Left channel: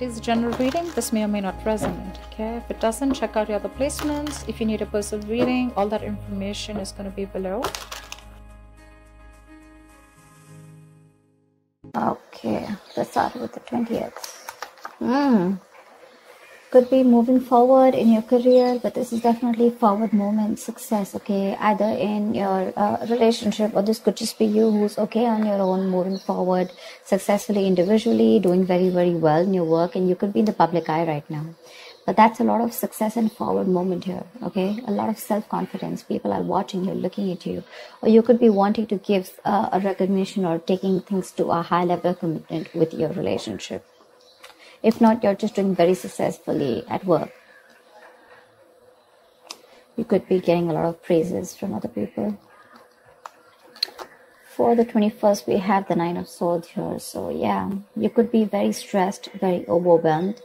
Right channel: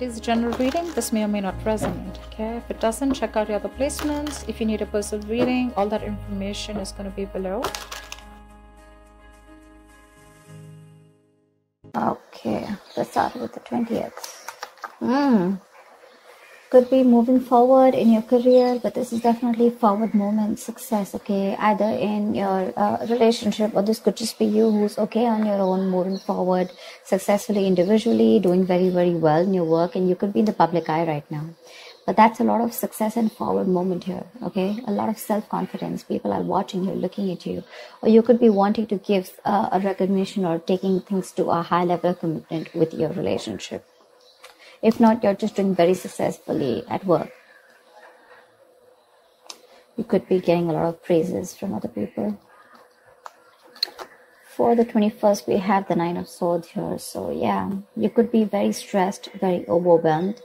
It is a general reading. This may or may not resonate. Okay, if it doesn't, check out your other placements. If you need a personal reading, all that information is going to be below. Okay, let's start with the 20th. Could be moving forward in your career, but this is definitely forward movement, success, okay, either in your relationship, or this could just be you who's okay on your own, moving forward successfully individually, doing very, very well in your work, and you could be in the public eye right now. But that's a lot of success and forward movement here, okay? A lot of self-confidence. People are watching you, looking at you. Or you could be wanting to give a recognition or taking things to a high level commitment with your relationship. If not, you're just doing very successfully at work. You could be getting a lot of praises from other people. For the 21st, we have the 9 of Swords here. So yeah, you could be very stressed, very overwhelmed.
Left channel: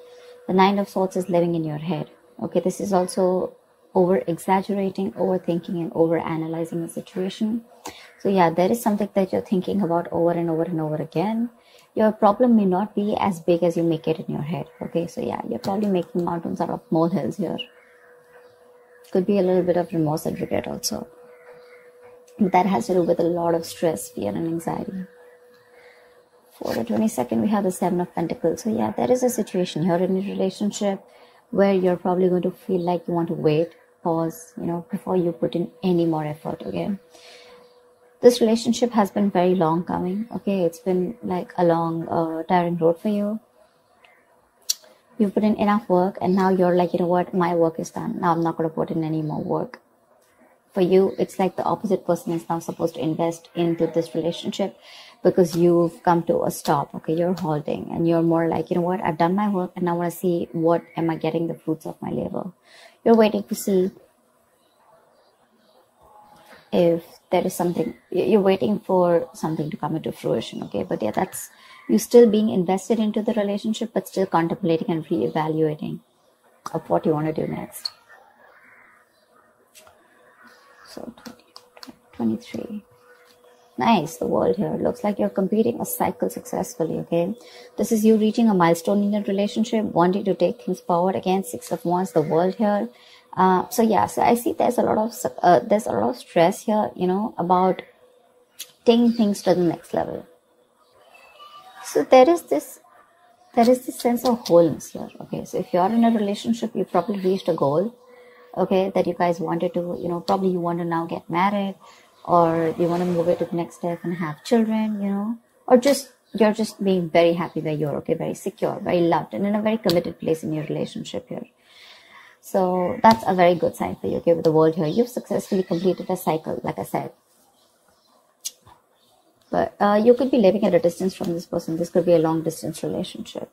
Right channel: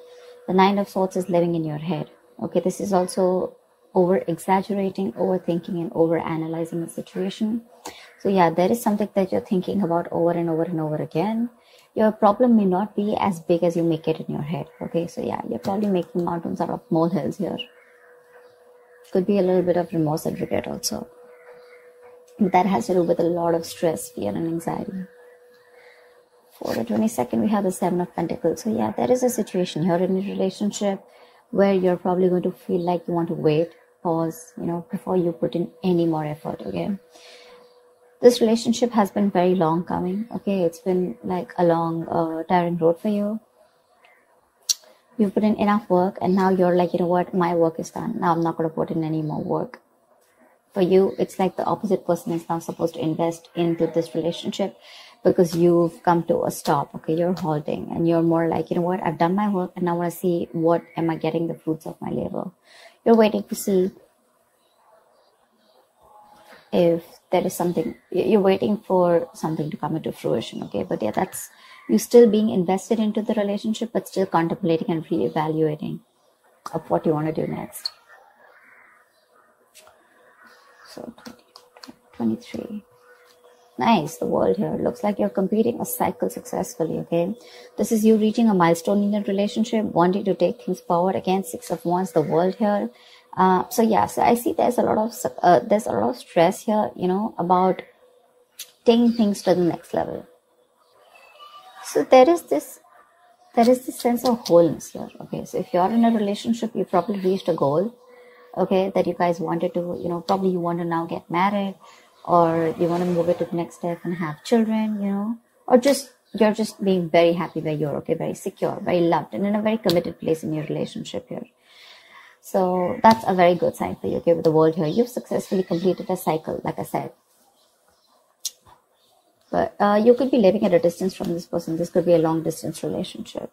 The 9 of Swords is living in your head. Okay, this is also over-exaggerating, overthinking, and over-analyzing the situation. So yeah, there is something that you're thinking about over and over and over again. Your problem may not be as big as you make it in your head. Okay, so yeah, you're probably making mountains out of molehills here. Could be a little bit of remorse and regret also. That has to do with a lot of stress, fear, and anxiety. For the 22nd, we have the 7 of Pentacles. So yeah, there is a situation here in a relationship where you're probably going to feel like you want to wait, pause, before you put in any more effort, okay? This relationship has been very long coming, okay? It's been like a long, tiring road for you. You've put in enough work, and now you're like, you know what, my work is done. Now I'm not going to put in any more work. For you, it's like the opposite person is now supposed to invest into this relationship because you've come to a stop, okay? You're halting, and you're more like, you know what, I've done my work, and now I want to see what am I getting the fruits of my labor. You're waiting to see if there is something, you're waiting for something to come into fruition, okay? But yeah, that's, you're still being invested into the relationship, but still contemplating and reevaluating of what you want to do next. So 23. Nice, the World here. Looks like you're completing a cycle successfully, okay? This is you reaching a milestone in your relationship, wanting to take things forward. Again, 6 of Wands, the World here. So yeah, so I see there's a lot of stress here, about taking things to the next level. So there is this sense of wholeness here, okay? So if you're in a relationship, you probably reached a goal, okay, that you guys wanted to, probably you want to now get married, or you want to move it to the next step and have children, or you're just being very happy where you're, okay, very secure, very loved, and in a very committed place in your relationship here. So that's a very good sign for you, okay, with the World here. You've successfully completed a cycle, like I said. But you could be living at a distance from this person. This could be a long distance relationship.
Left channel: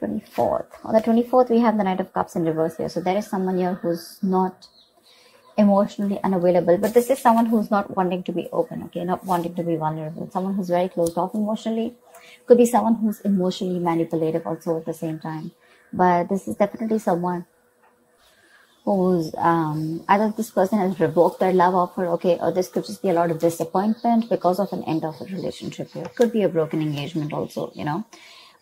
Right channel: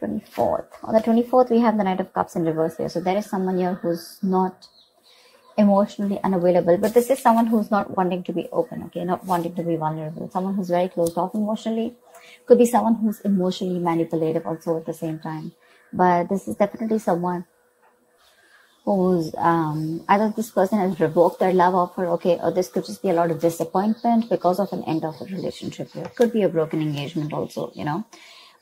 24th. On the 24th, we have the Knight of Cups in reverse here. So there is someone here who's not emotionally unavailable. But this is someone who's not wanting to be open, okay, not wanting to be vulnerable. Someone who's very closed off emotionally. Could be someone who's emotionally manipulative also at the same time. But this is definitely someone who's, either this person has revoked their love offer, okay, or this could just be a lot of disappointment because of an end of a relationship here. Could be a broken engagement also,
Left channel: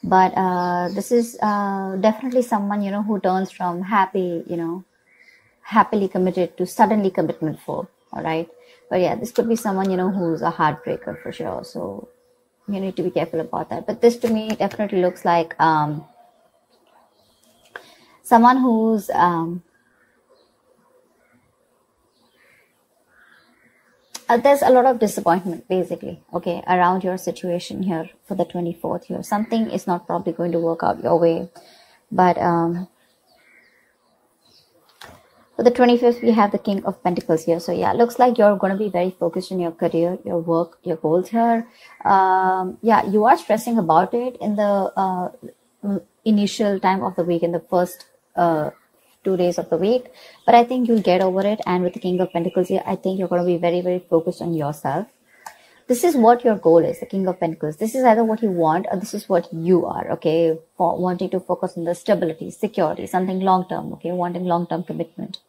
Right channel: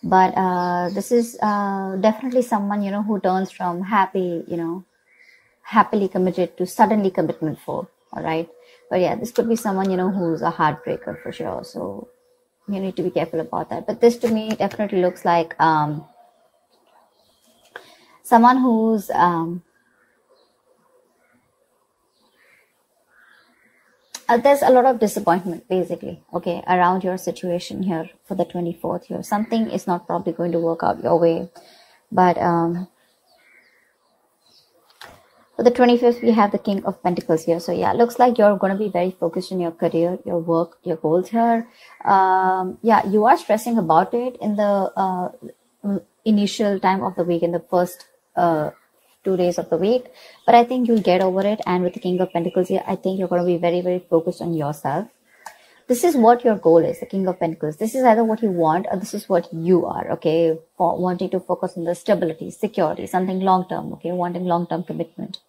But this is definitely someone, who turns from happily committed to suddenly commitment full, alright? But yeah, this could be someone, who's a heartbreaker for sure. So you need to be careful about that. But this to me definitely looks like, someone who's there's a lot of disappointment basically, okay, around your situation here for the 24th here. Something is not probably going to work out your way. But for the 25th, we have the King of Pentacles here. So yeah, looks like you're going to be very focused in your career, your work, your goals here. Yeah, you are stressing about it in the initial time of the week, in the first 2 days of the week, but I think you'll get over it. And with the King of Pentacles here, I think you're going to be very, very focused on yourself. This is what your goal is, the King of Pentacles. This is either what you want or this is what you are, okay, for wanting to focus on the stability, security, something long-term, okay, wanting long-term commitment.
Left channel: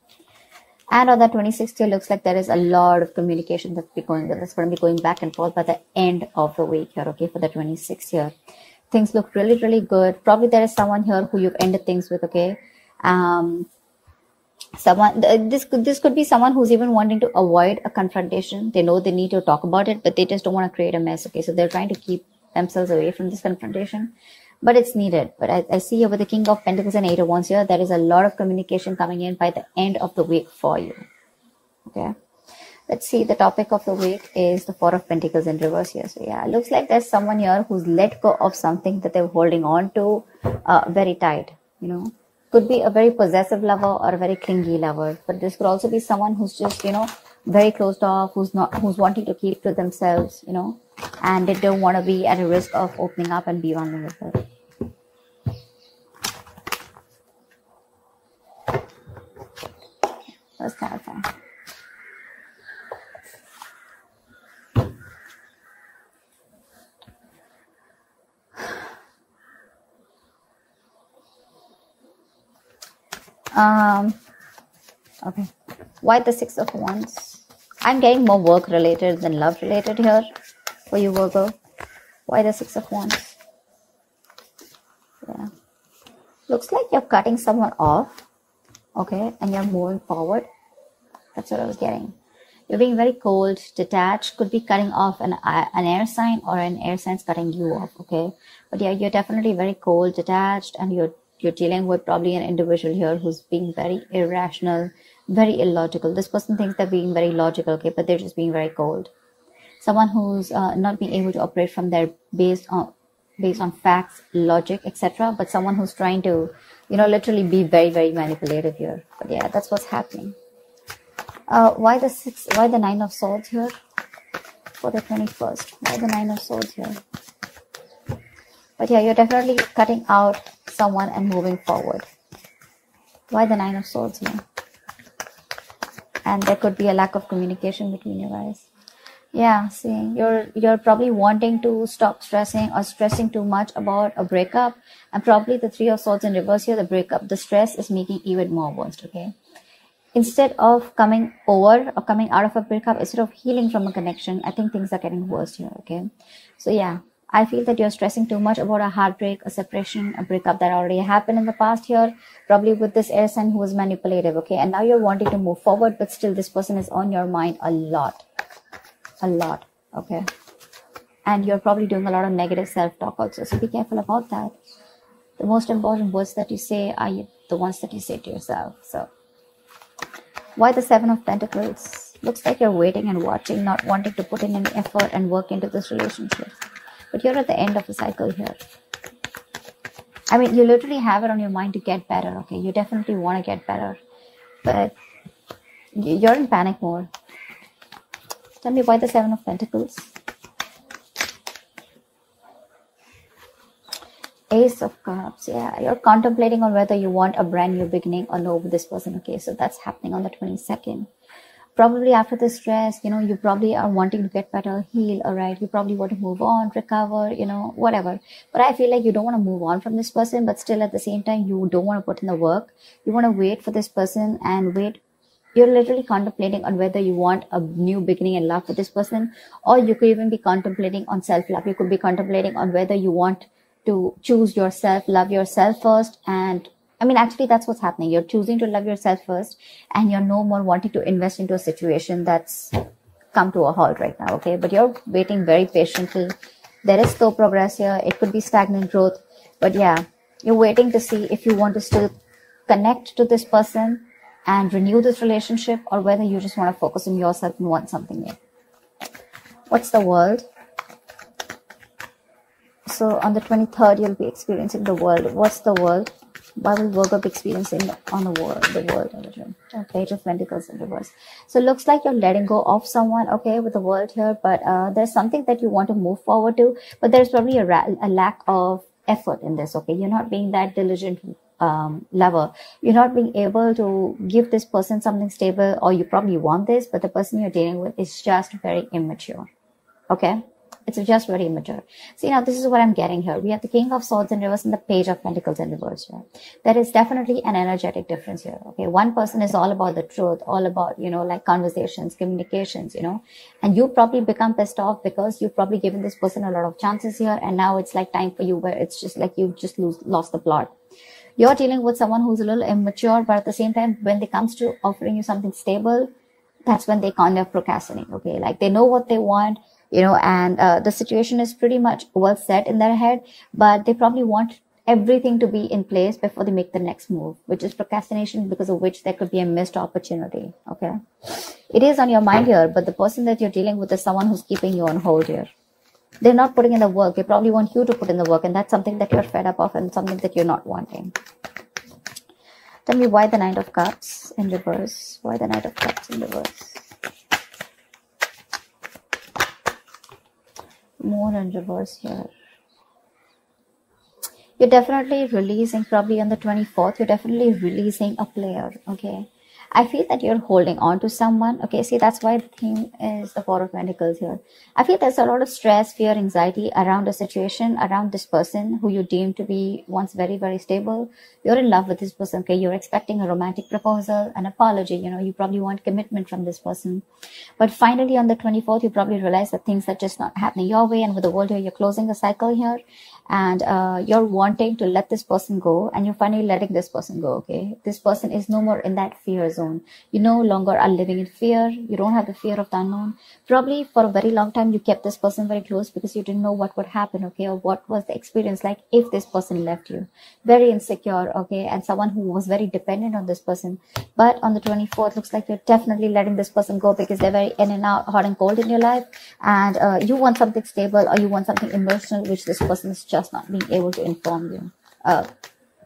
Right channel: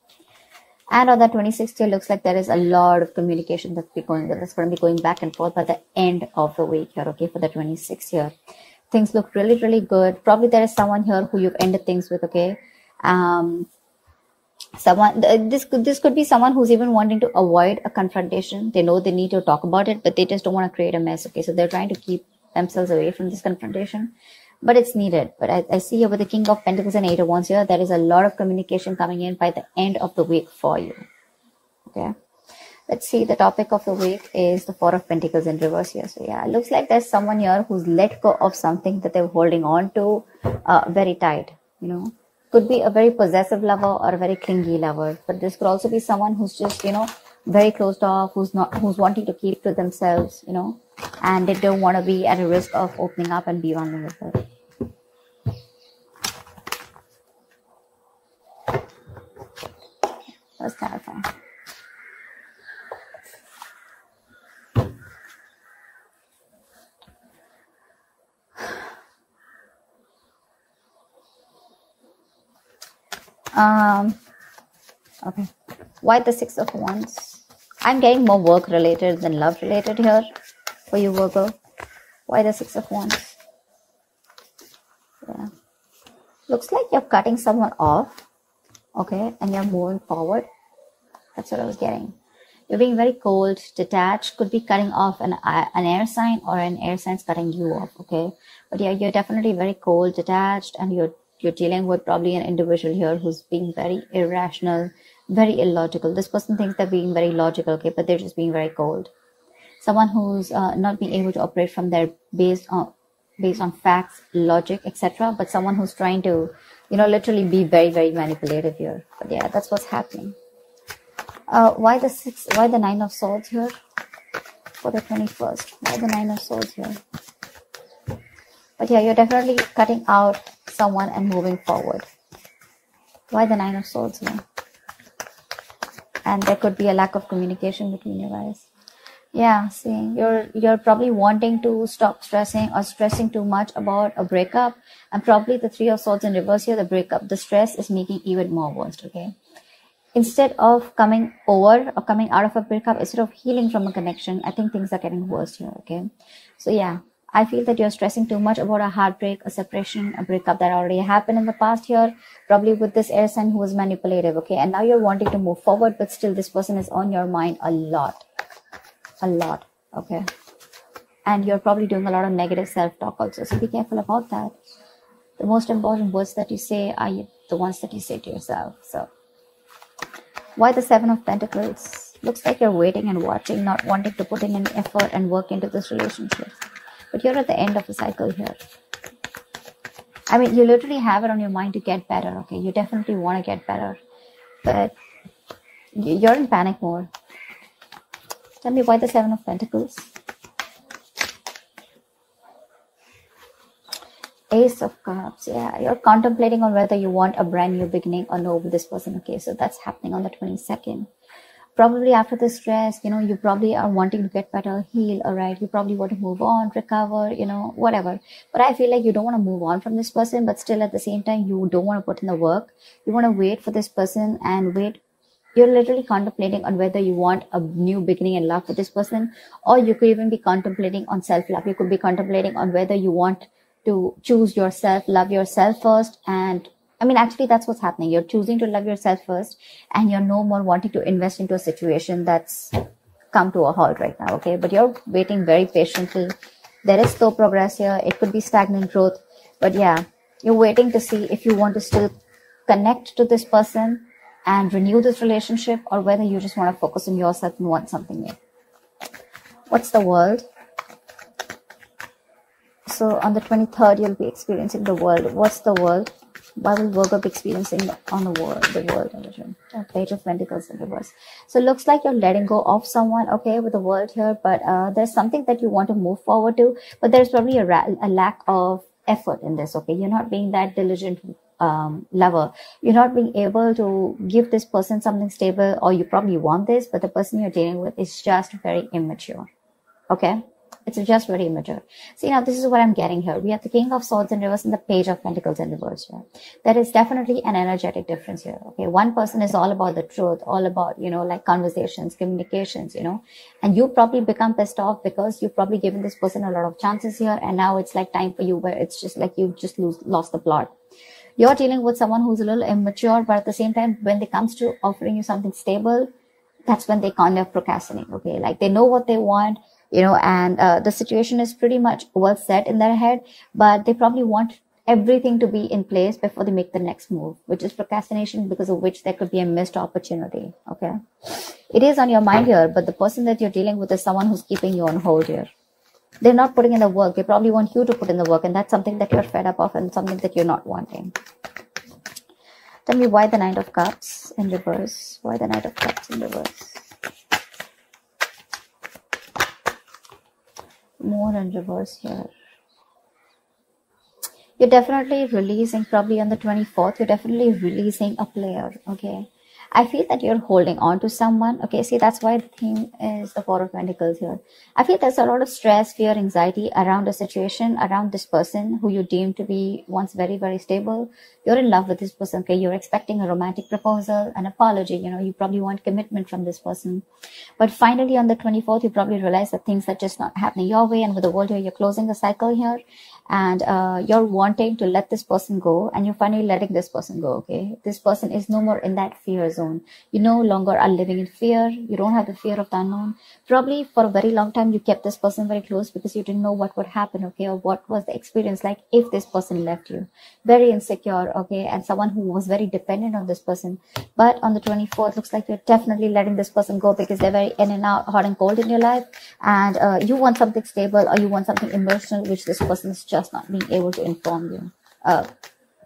And on the 26th, it looks like there is a lot of communication that's going to be going back and forth by the end of the week here, okay, for the 26th here. Things look really, really good. Probably there is someone here who you've ended things with, okay? This could be someone who's even wanting to avoid a confrontation. They know they need to talk about it, but they just don't want to create a mess, okay? So they're trying to keep themselves away from this confrontation, but it's needed. But I see here with the King of Pentacles and Eight of Wands here, there is a lot of communication coming in by the end of the week for you, okay? Let's see, the topic of the week is the Four of Pentacles in reverse here. So yeah, it looks like there's someone here who's let go of something that they're holding on to very tight, you know. Could be a very possessive lover or a very clingy lover, but this could also be someone who's just, you know, very closed off, who's wanting to keep to themselves, you know, and they don't want to be at a risk of opening up and be vulnerable. That's kind of fun. Okay. Why the Six of Wands? I'm getting more work related than love related here for you, Virgo. Why the Six of Wands? Yeah. Looks like you're cutting someone off, okay, and you're moving forward. That's what I was getting. You're being very cold, detached, could be cutting off an air sign, or an air sign's cutting you off, okay? But yeah, you're definitely very cold, detached, and you're dealing with probably an individual here who's being very irrational, very illogical. This person thinks they're being very logical, okay, but they're just being very cold. Someone who's not being able to operate from their based on facts, logic, etc. But someone who's trying to, you know, literally be very, very manipulative here. But yeah, that's what's happening. Why the Nine of Swords here for the 21st? Why the Nine of Swords here? But yeah, you're definitely cutting out someone and moving forward. Why the Nine of Swords here? And there could be a lack of communication between you guys. Yeah, see, you're probably wanting to stop stressing or stressing too much about a breakup. And probably the Three of Swords in reverse here, the breakup, the stress is making even more worse, okay? Instead of coming over or coming out of a breakup, instead of healing from a connection, I think things are getting worse here, okay? So yeah, I feel that you're stressing too much about a heartbreak, a separation, a breakup that already happened in the past here, probably with this air sign who was manipulative, okay? And now you're wanting to move forward, but still this person is on your mind a lot, okay? And you're probably doing a lot of negative self-talk also, so be careful about that. The most important words that you say are the ones that you say to yourself, so. Why the Seven of Pentacles? Looks like you're waiting and watching, not wanting to put in any effort and work into this relationship. But you're at the end of the cycle here. I mean, you literally have it on your mind to get better, okay? You definitely want to get better. But you're in panic mode. Tell me why the Seven of Pentacles? Ace of Cups. Yeah, you're contemplating on whether you want a brand new beginning or no with this person, okay? So that's happening on the 22nd. Probably after the stress, you know, you probably are wanting to get better, heal, all right? You probably want to move on, recover, you know, whatever. But I feel like you don't want to move on from this person, but still at the same time, you don't want to put in the work. You want to wait for this person and wait. You're literally contemplating on whether you want a new beginning in love with this person, or you could even be contemplating on self-love. You could be contemplating on whether you want to choose yourself, love yourself first. And I mean, actually, that's what's happening. You're choosing to love yourself first, and you're no more wanting to invest into a situation that's come to a halt right now, okay? But you're waiting very patiently. There is slow progress here. It could be stagnant growth. But yeah, you're waiting to see if you want to still connect to this person and renew this relationship, or whether you just want to focus on yourself and want something new. What's the World? So on the 23rd, you'll be experiencing the World. What's the World? Why will Virgo be experiencing on the world? Page of Pentacles in reverse. So it looks like you're letting go of someone, okay, with the World here. But there's something that you want to move forward to. But there's probably a lack of effort in this, okay? You're not being that diligent lover. You're not being able to give this person something stable, or you probably want this, but the person you're dealing with is just very immature, okay? It's just very immature. See, now this is what I'm getting here. We have the King of Swords in reverse and the Page of Pentacles in reverse here. There is definitely an energetic difference here. Okay, one person is all about the truth, all about, you know, like conversations, communications, you know, and you probably become pissed off because you've probably given this person a lot of chances here, and now it's like time for you where it's just like you've just lost the plot. You're dealing with someone who's a little immature, but at the same time, when it comes to offering you something stable, that's when they kind of procrastinate. Okay, like they know what they want, you know, and the situation is pretty much well set in their head, but they probably want everything to be in place before they make the next move, which is procrastination, because of which there could be a missed opportunity. Okay, it is on your mind here, but the person that you're dealing with is someone who's keeping you on hold here. They're not putting in the work. They probably want you to put in the work, and that's something that you're fed up of and something that you're not wanting. Tell me why the Knight of Cups in reverse. Why the Knight of Cups in reverse? More in reverse here. You're definitely releasing, probably on the 24th, you're definitely releasing a player, okay? I feel that you're holding on to someone. Okay, see, that's why the thing is the Four of Pentacles here. I feel there's a lot of stress, fear, anxiety around a situation, around this person who you deem to be once very, very stable. You're in love with this person, okay? You're expecting a romantic proposal, an apology, you know, you probably want commitment from this person. But finally, on the 24th, you probably realize that things are just not happening your way, and with the world here, you're closing the cycle here. And you're wanting to let this person go, and you're finally letting this person go, okay? This person is no more in that fear zone. You no longer are living in fear. You don't have the fear of the unknown. Probably for a very long time, you kept this person very close because you didn't know what would happen, okay? Or what was the experience like if this person left you. Very insecure, okay? And someone who was very dependent on this person. But on the 24th, looks like you're definitely letting this person go because they're very in and out, hot and cold in your life. And you want something stable, or you want something emotional, which this person is just not being able to inform you,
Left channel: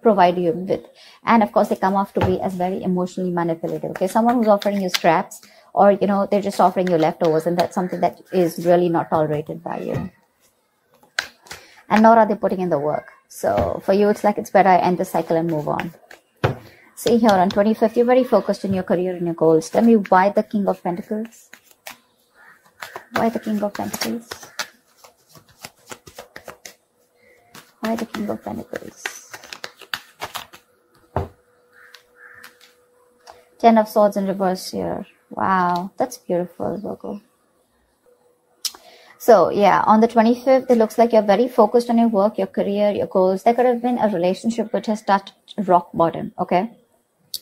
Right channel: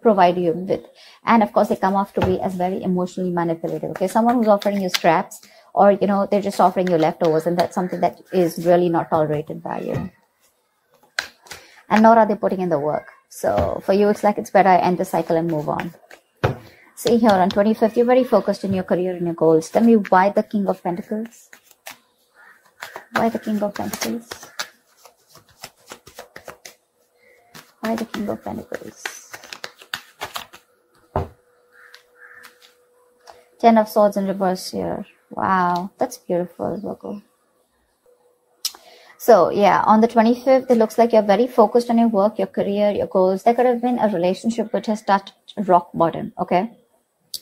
provide you with. And of course, they come off to be as very emotionally manipulative. Okay, someone who's offering you scraps, or you know, they're just offering you leftovers, and that's something that is really not tolerated by you. And nor are they putting in the work. So for you, it's like it's better I end the cycle and move on. See here on 25th, you're very focused on your career and your goals. Tell me why the King of Pentacles. Why the King of Pentacles? Why the King of Pentacles? Ten of Swords in reverse here. Wow, that's beautiful, Virgo. So yeah, on the 25th, it looks like you're very focused on your work, your career, your goals. There could have been a relationship which has touched rock bottom, okay?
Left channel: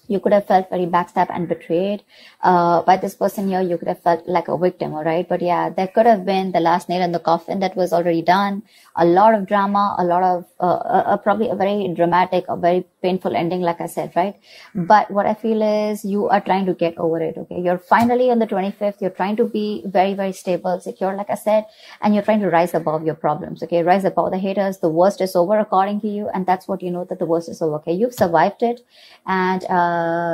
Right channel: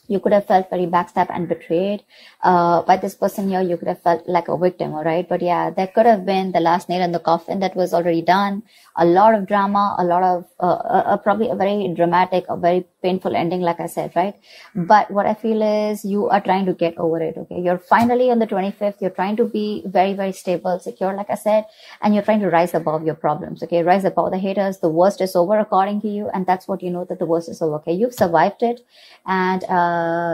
You could have felt very backstabbed and betrayed by this person here. You could have felt like a victim, all right? But yeah, there could have been the last nail in the coffin that was already done. A lot of drama, a lot of probably a very dramatic, a very painful ending, like I said, right? But what I feel is you are trying to get over it, okay? You're finally on the 25th. You're trying to be very, very stable, secure, like I said, and you're trying to rise above your problems, okay? Rise above the haters. The worst is over according to you, and that's what you know, that the worst is over, okay? You've survived it, and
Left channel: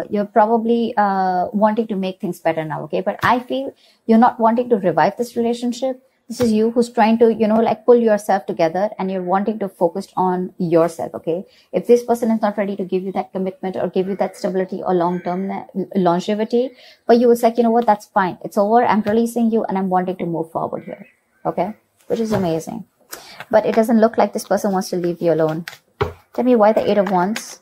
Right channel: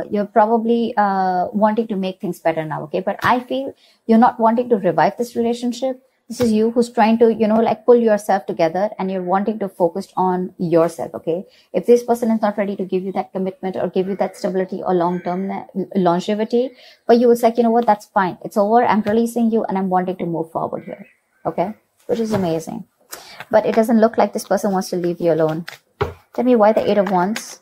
you're probably wanting to make things better now, okay? But I feel you're not wanting to revive this relationship. This is you who's trying to, you know, like pull yourself together, and you're wanting to focus on yourself, okay? If this person is not ready to give you that commitment or give you that stability or long-term longevity, but you would say, you know what, that's fine. It's over. I'm releasing you, and I'm wanting to move forward here, okay? Which is amazing. But it doesn't look like this person wants to leave you alone. Tell me why the Eight of Wands.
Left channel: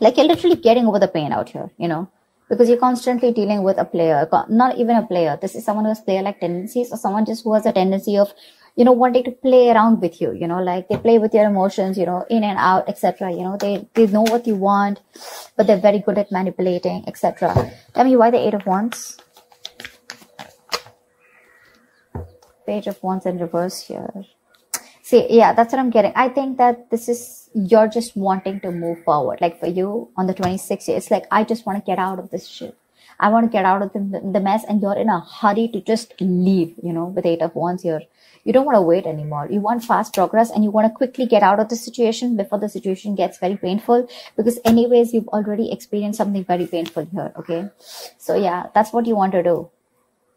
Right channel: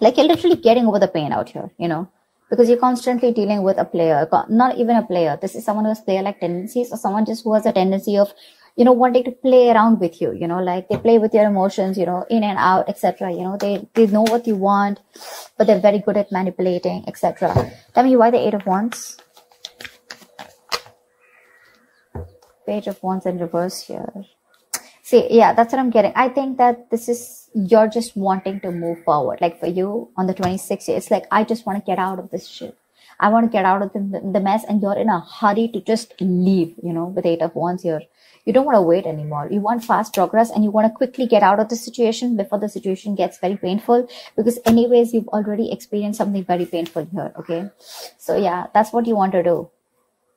Like you're literally getting over the pain out here, you know? Because you're constantly dealing with a player, not even a player. This is someone who has player-like tendencies, or someone just who has a tendency of, you know, wanting to play around with you, you know, like they play with your emotions, you know, in and out, etc. You know, they know what you want, but they're very good at manipulating, etc. Tell me why the Eight of Wands. Page of Wands in reverse here. See, yeah, that's what I'm getting. I think that this is, you're just wanting to move forward. Like for you on the 26th, it's like, I just want to get out of this shit. I want to get out of the mess, and you're in a hurry to just leave, you know, with Eight of Wands here. You don't want to wait anymore. You want fast progress, and you want to quickly get out of the situation before the situation gets very painful, because anyways, you've already experienced something very painful here, okay? So yeah, that's what you want to do.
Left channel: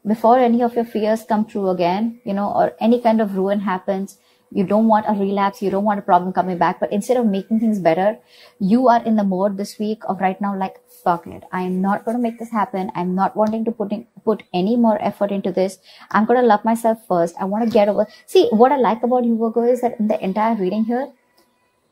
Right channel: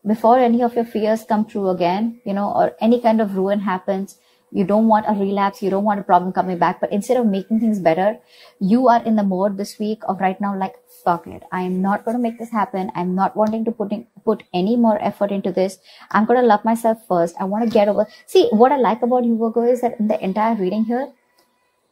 Before any of your fears come true again, you know, or any kind of ruin happens, You don't want a relapse. You don't want a problem coming back. But instead of making things better, you are in the mode this week of right now, like, fuck it. I am not going to make this happen. I'm not wanting to put any more effort into this. I'm going to love myself first. I want to get over. See, what I like about you, Virgo, is that in the entire reading here,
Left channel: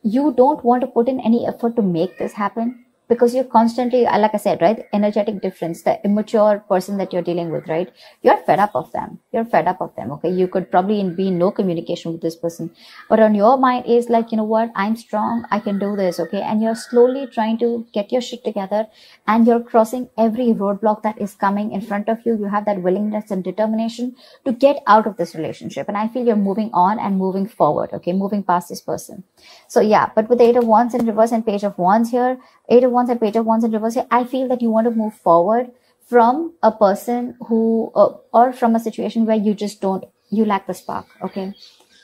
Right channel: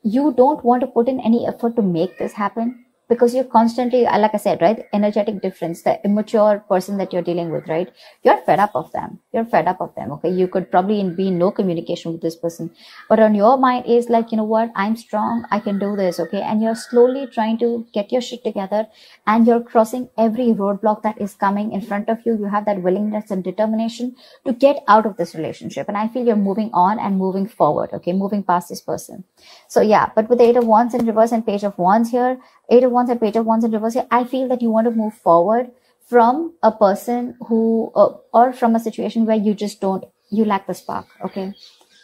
you don't want to put in any effort to make this happen, because you're constantly, like I said, right, energetic difference, the immature person that you're dealing with, right? You're fed up of them. You're fed up of them, okay? You could probably be in no communication with this person. But on your mind is like, you know what? I'm strong. I can do this, okay? And you're slowly trying to get your shit together, and you're crossing every roadblock that is coming in front of you. You have that willingness and determination to get out of this relationship. And I feel you're moving on and moving forward, okay? Moving past this person. So yeah, but with the 8 of Wands in reverse and Page of Wands here, 8 of Wands and Page of Wands in reverse here, I feel that you want to move forward from a person who, or from a situation where you just you lack the spark, okay?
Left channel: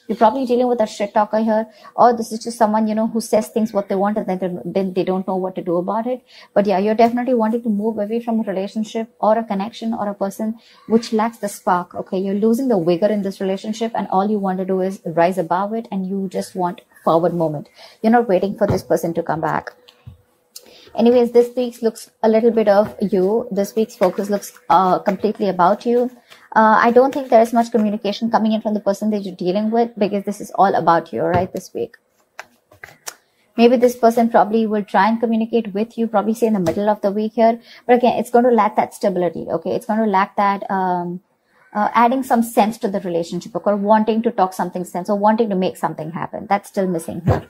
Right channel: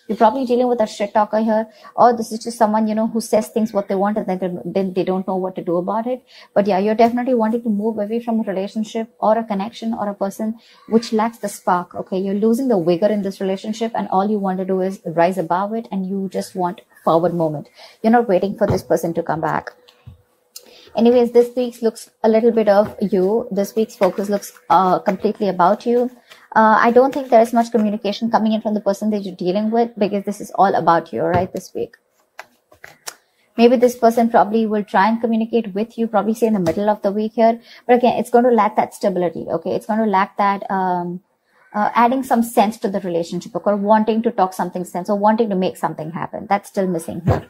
You're probably dealing with a shit talker here, or this is just someone, you know, who says things what they want and then they don't know what to do about it. But yeah, you're definitely wanting to move away from a relationship or a connection or a person which lacks the spark, okay? You're losing the vigor in this relationship, and all you want to do is rise above it, and you just want forward movement. You're not waiting for this person to come back. Anyways, this week's looks a little bit of you. This week's focus looks completely about you. I don't think there is much communication coming in from the person that you're dealing with, because this is all about you, right, this week. Maybe this person probably will try and communicate with you, probably say in the middle of the week here. But again, it's going to lack that stability, okay? It's going to lack that adding some sense to the relationship, okay? Or wanting to talk something sense, or wanting to make something happen. That's still missing here.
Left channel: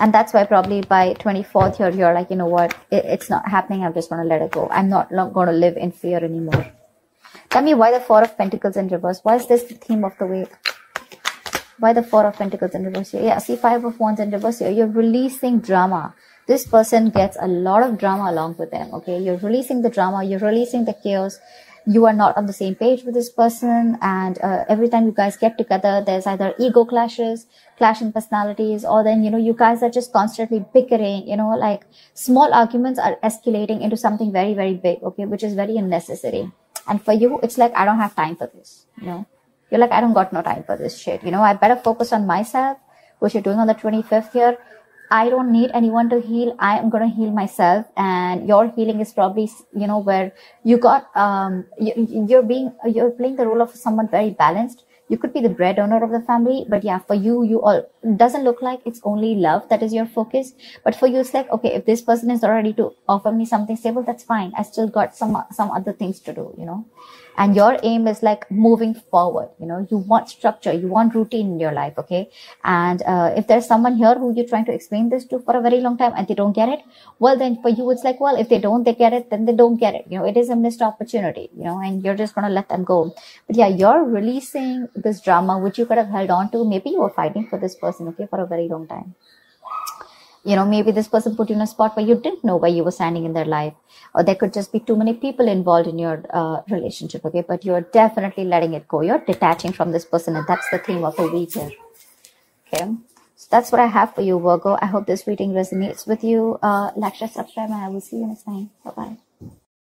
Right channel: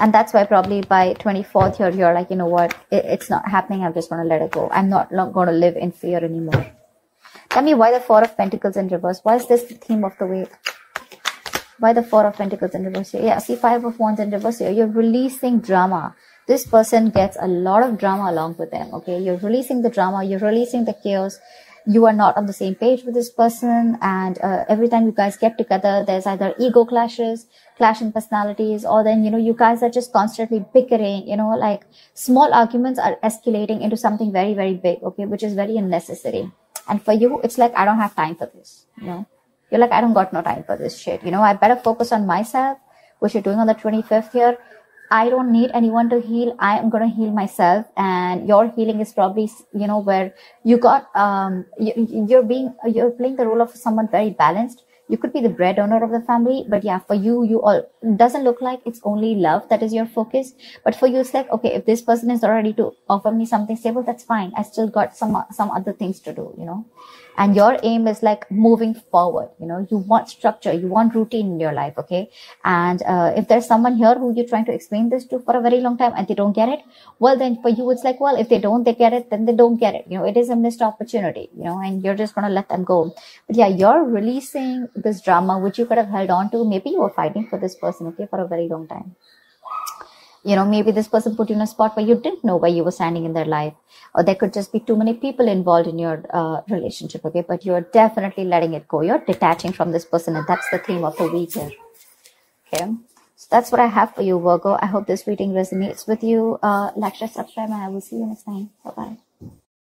And that's why probably by 24th here, you're like, you know what, it's not happening. I'm just going to let it go. I'm not going to live in fear anymore. Tell me, why the 4 of Pentacles in reverse? Why is this the theme of the week? Why the 4 of Pentacles in reverse? Yeah, see, 5 of Wands in reverse here. You're releasing drama. This person gets a lot of drama along with them, okay? You're releasing the drama. You're releasing the chaos. You are not on the same page with this person, and every time you guys get together, there's either ego clashes, clash in personalities, or then, you know, you guys are just constantly bickering, you know, like small arguments are escalating into something very, very big, okay, which is very unnecessary. And for you, it's like, I don't have time for this, you know. You're like, I don't got no time for this shit, you know. I better focus on myself, what you're doing on the 25th here. I don't need anyone to heal. I am going to heal myself. And your healing is probably, you know, where you got, you're playing the role of someone very balanced. You could be the breadwinner of the family, but yeah, for you, it doesn't look like it's only love that is your focus. But for you, it's like, okay, if this person is ready to offer me something stable, that's fine. I still got some other things to do, you know. And your aim is like moving forward, you know. You want structure, you want routine in your life, okay? And if there's someone here who you're trying to explain this to for a very long time and they don't get it, well, then for you, it's like, well, if they get it, then they don't get it. You know, it is a missed opportunity, you know, and you're just going to let them go. But yeah, you're releasing this drama, which you could have held on to. Maybe you were fighting for this person, okay, for a very long time. You know, maybe this person put you in a spot where you didn't know where you were standing in their life. Or there could just be too many people involved in your relationship, okay? But you're definitely letting it go. You're detaching from this person, and that's the theme of the week here, okay? So that's what I have for you, Virgo. I hope this reading resonates with you. Like, share, subscribe, and I will see you next time. Bye-bye.